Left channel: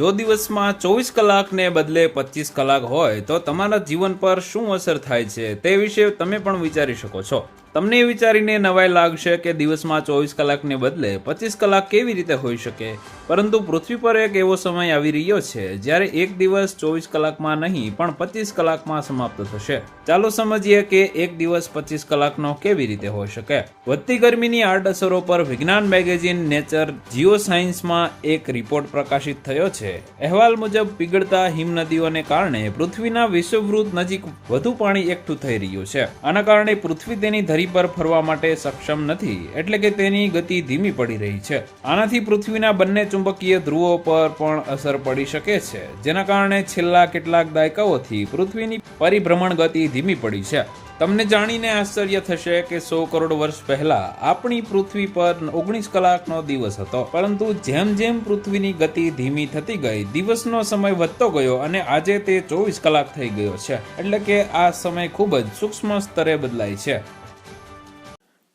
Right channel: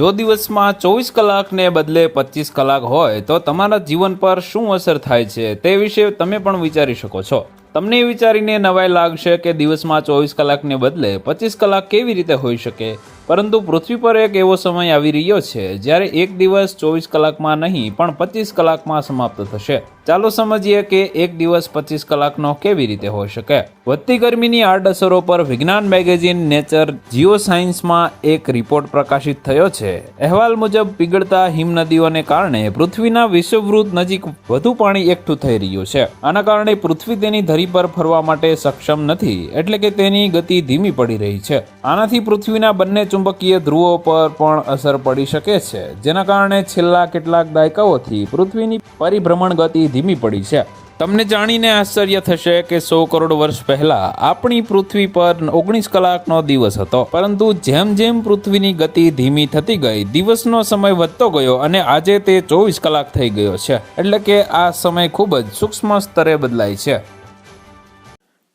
જો દિવસમાં ચોવીસ કલાકને બદલે પચીસ કલાક હોય, તો તમારા જીવન પર શું અસર થાય છે તે વિશે તમે પણ વિચારી શકો છો. તમને વિચારીને નવાઈ લાગશે કે દિવસમાં ચોવીસ કલાકને બદલે પચીસ કલાક કેવી રીતે હોઈ શકે? પરંતુ પૃથ્વી પર એક એવો સમય આવી રહ્યો છે જ્યારે એક દિવસ ચોવીસ કલાકમાં નહીં, પણ પચીસ કલાકમાં સમાપ્ત થશે. ચાલો સમજીએ કે એક દિવસ પચીસ કલાકનો કેવી રીતે હોઈ શકે. વધતી ગરમીની આડઅસરો પર વિજ્ઞાન મેગેઝિન નેચર જીઓ સાયન્સમાં એક રિપોર્ટ પ્રકાશિત થયો છે. અહેવાલ મુજબ, પીગળતા હિમનદીઓને કારણે પૃથ્વીના વિશ્વવૃત નજીક વધુ પાણી એકઠું થઈ રહ્યું છે. આના કારણે પૃથ્વી તેની ધરી પર ફરવા માટે સક્ષમ નથી, એટલે કે તેની ગતિ ધીમી પડી રહી છે. આનાથી પૃથ્વીના બંને ચુંબકીય ધ્રુવો પર પણ અસર પડી શકે છે, જેના કારણે છેલ્લા કેટલાક દાયકાઓથી પૃથ્વીની પરિભ્રમણ ગતિ ધીમી પડી છે. તમને જાણીને આશ્ચર્ય થશે કે સો કરોડ વર્ષ પહેલા આપણી પૃથ્વી પર ઓગણીસ કલાકનો દિવસ હતો. પરંતુ જેમ જેમ પૃથ્વીની ગતિ ધીમી થતી ગઈ, દિવસનો સમય વધતો ગયો અને આજે તે ચોવીસ કલાક થઈ ગયો છે. એટલે કે આ સમય ખૂબ જ સૂક્ષ્મ સ્તરે બદલાય છે.